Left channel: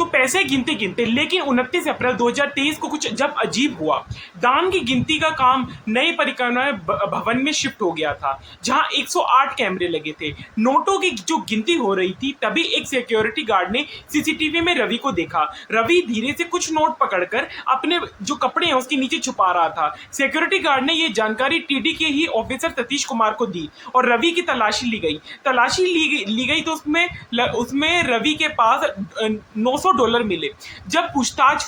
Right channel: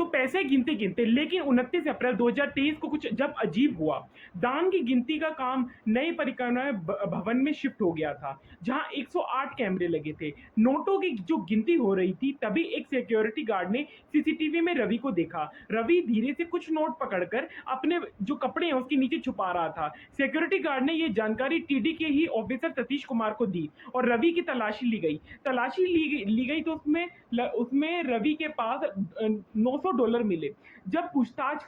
तो पैसे गिनते गिनते लेकिन 29 अप्रैल 2023 को कुछ जब अजीब हुआ। दान की गिनती का काम नए परिक्रमा भवन में शिफ्ट हो गया था, जहां 108 कैमरे लगे थे। नोटों की जो गिनती हो रही थी, तभी एक सिक्योरिटी गार्ड ने सीसीटीवी में रवि को देखा। रवि धीरे से कुछ नोट पकड़कर अपने जो कपड़े हैं उसके नीचे छुपा रहा था। सिक्योरिटी गार्ड ने यह जानकारी टीडी के ही ऑफिसर सतीश कुमार को दी और रवि की तलाशी ली गई। तलाशी ली गई तो उसमें रवि के पास $900 मिले। जब पूछताछ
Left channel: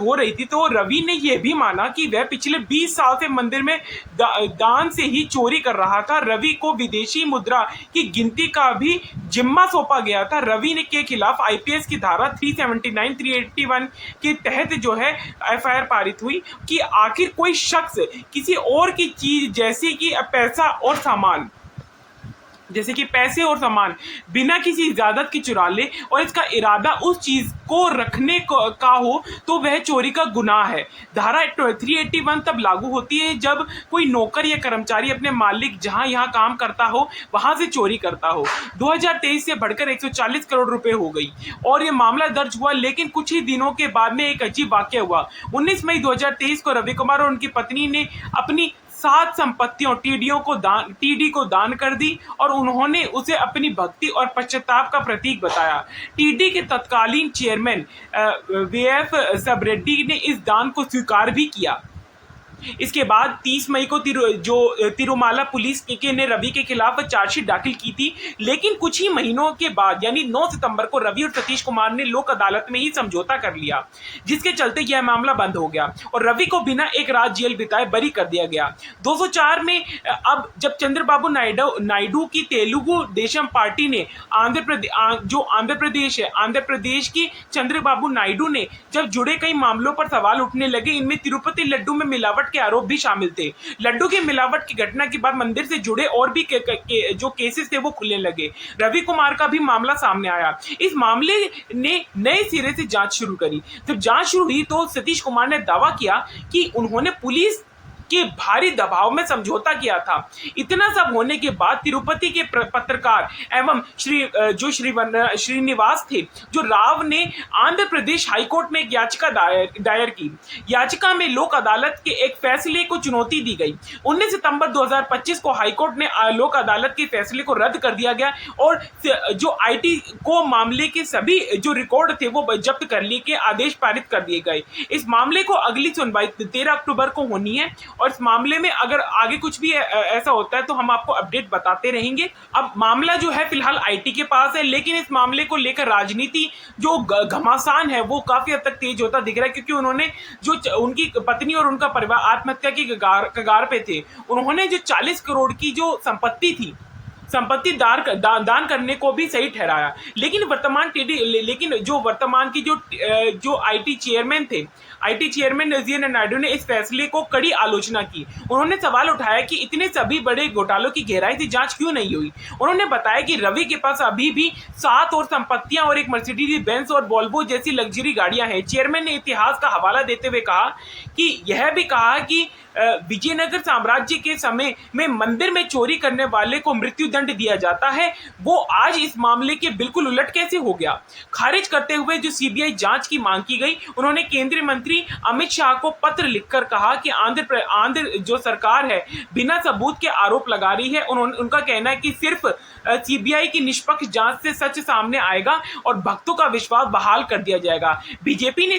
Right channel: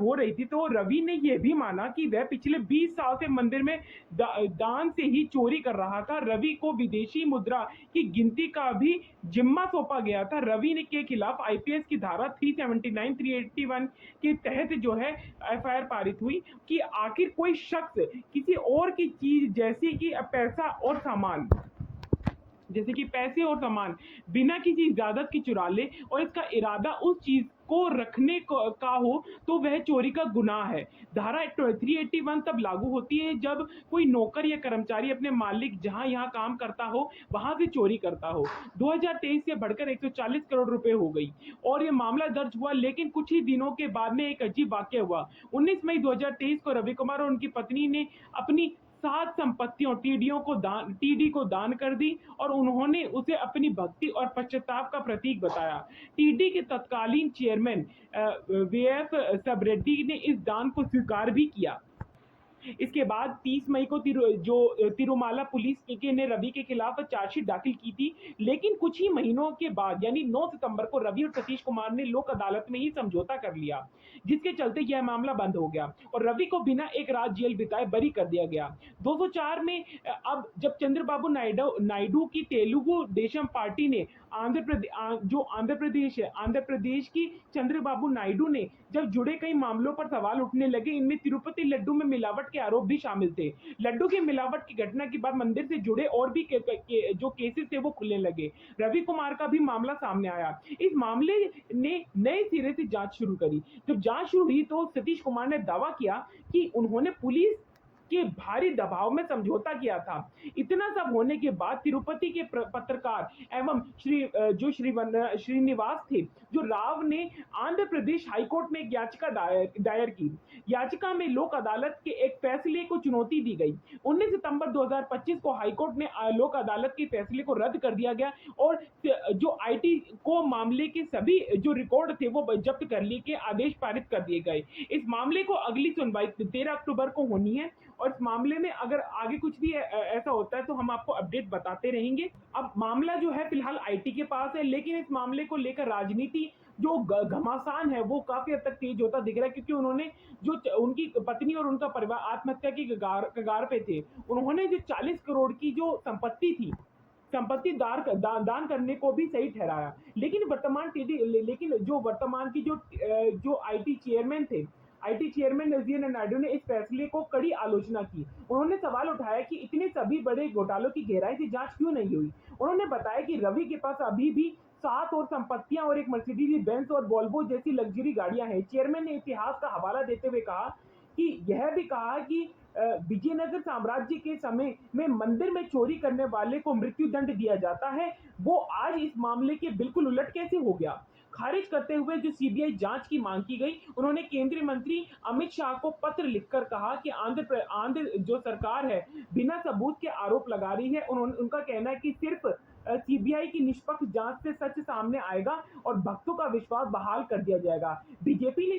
हो रही थी तो रवि ने यह भी माना कि वह पिछले 20 साल से मंदिर में दान से ही चोरी कर रहा था। रवि को विदेशी मुद्रा की गिनती का भी जिम्मा सौंपा गया था। रवि ने के खिलाफ आईपीएस की धारा 379 381 के तहत जो है एफआईआर पारित हुई कि आखिर कोई शख्स किसी और की चीज जैसे कि पैसे और सामान बिना किसी इजाजत की चुरा ले और इसका इरादा उस चीज को रखने का हो तो वह चोरी का गुनाह है। धारा 381 तब लागू होती है जब कोई नौकर या कर्मचारी अपने मालिक जहां यहां काम करता हो वहां से चोरी करता हो। 2023 से बढ़कर 140 करोड़ रुपए हो गई और यह मामला दर्ज हुआ। लेकिन कुछ ही दिनों के बाद में एक अजीब वाकया हुआ। 19 मई 2023 को रवि कुमार और उनकी पत्नी ने अपनी 7 संपत्तियों टीडी को दान कर दी और उन्होंने उसे अपनी भक्ति और पश्चाताप का प्रतीक बताया। टीडी के तत्कालीन चेयरमैन वीएफ सबरेड्डी ने इस दान को स्वीकार भी किया। इसके बाद 30 मई को तिरुमाला पुलिस ने रवि के खिलाफ चार्जशीट दाखिल की थी। लेकिन कुछ ही महीनों के बाद यानी 9 सितंबर को रवि और सतीश कुमार ने लोक अदालत में ही समझौता कर लिया, जिसके चलते यह मामला बंद हो गया और रवि को बिना एक रात जेल बिताए बरी कर दिया गया। 204 में अब जब चंद्रबाबू नायडू की तेलुगु देशम पार्टी ने आंध्र प्रदेश की चंद्रबाबू नायडू ने जब जुड़े कई मामलों पर सवाल उठने लगे। इनमें तिरुपति लड्डू में मिलावट के आरोप भी शामिल थे। लड्डू की मिलावट की घटना के बाद मंदिर से जुड़े और भी जो केसेस थे वो खुलने लगे। रवि कुमार का भी मामला सामने आया। इस मामले ने नए सिरे से जांच शुरू करी। जब जांच शुरू हुई तो सतीश कुमार ने दावा किया कि उन्होंने पुलिस के भारी दबाव में समझौता किया था। इतना सब होने के बाद तिरुपति के पत्रकार एवं श्रीनिवास थे जो राव ने आंध्र प्रदेश हाईकोर्ट में एक याचिका दायर की। याचिका में लोक अदालत के एक फैसले को चुनौती दी गई। 19 सितंबर 2025 को हाईकोर्ट ने लोक अदालत के फैसले को रद्द कर दिया गया और जो आईटी को मामले के सभी जो रिकॉर्ड थे वो जब्त करने के आदेश पारित कर दिए गए। इस मामले को अगली सुनवाई 13 अक्टूबर को होनी है और इस मामले में अगर आगे कुछ भी ऐसा होता है तो हम आपको अपडेट बताते रहेंगे। अब मामला जो है फिलहाल आईटी के पास है, लेकिन इस मामले को लेकर राजनीति जो घमासान है वो काफी हद तक तेज होता दिख रहा है, क्योंकि उन्होंने जो उनकी पत्नी और उनका परिवार आत्महत्या की कगार पे थे, उन्होंने जो 40 करोड़ की जो संपत्ति दान करने को भी सही ठहराया। लेकिन वर्तमान की जो आईटी चेयरमैन नजीर नायडू ने इस फैसले को कड़ी आलोचना की। उन्होंने सवाल उठाया कि इतने सभी बड़े घोटालों की गहराई से जांच क्यों नहीं हुई। उन्होंने बताया कि रवि के पास अभी भी 7 और संपत्तियां और एक मर्सिडीज बेंज और वोल्वो जैसी लग्जरी गाड़ियां हैं। चेयरमैन ने इतिहास का हवाला देते हुए कहा कि यह भी कहा कि विजयनगर साम्राज्य के समय में मंदिर में चोरी करने वाले को मृत्यु दंड दिया जाता है, वो आज इस मामले के बिल्कुल उलट कैसे हो गया। खारिज करते हुए जो सीबीआई जांच की मांग की गई, उन्होंने केंद्रीय मंत्री अमित शाह को पत्र लिखकर कहा कि आंध्र जो सरकार है बिना सबूत के आरोप लगा रही है। उनका कहना है कि सिर्फ सीबीआई की निष्पक्ष जांच से सच सामने आएगा और भक्तों का विश्वास बहाल कर दिया जाएगा। बीजेपी ने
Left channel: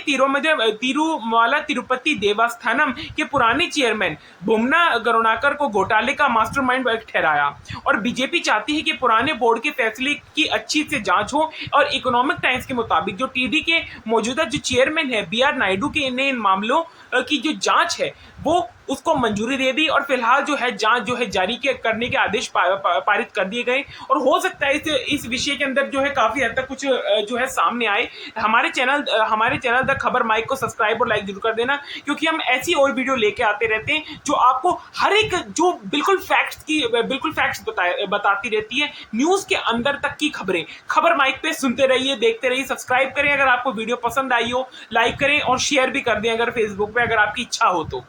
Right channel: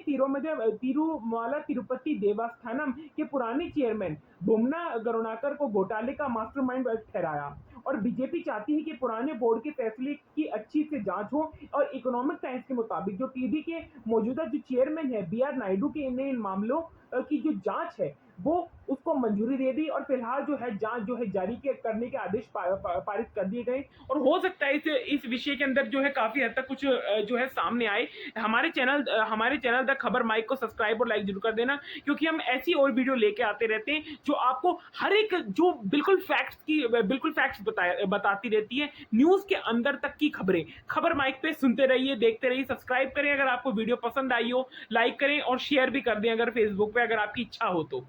तिरुमाला तिरुपति देवस्थानम के पुराने चेयरमैन बुमना करुणाकर को घोटाले का मास्टरमाइंड ठहराया और बीजेपी चाहती है कि पुराने बोर्ड के फैसले की अच्छी से जांच हो और इकोनॉमिक टाइम्स के मुताबिक जो टीडी के मौजूदा जो चेयरमैन है बीआर नायडू के इन मामलों की जो जांच है वो उसको मंजूरी दे दी और फिलहाल जो है जांच जो है जारी करने के आदेश पारित कर दिए गए और हो सकता है इस विषय के अंदर जो है काफी हद तक कुछ जो है सामने आए। हमारे चैनल द खबर माइक को सब्सक्राइब और लाइक जरूर कर देना, क्योंकि हम ऐसी और वीडियो लेके आते रहते हैं जो आपको हर एक जो बिल्कुल फैक्ट्स बताती रहती है, न्यूज के अंदर तक की खबरें। खबर माइक पे सुनते रहिए, देखते रहिए, सब्सक्राइब करें अगर आपको वीडियो पसंद आई हो, लाइक करें और शेयर भी कर दें अगर फेसबुक पे अगर आपकी इच्छा हो तो।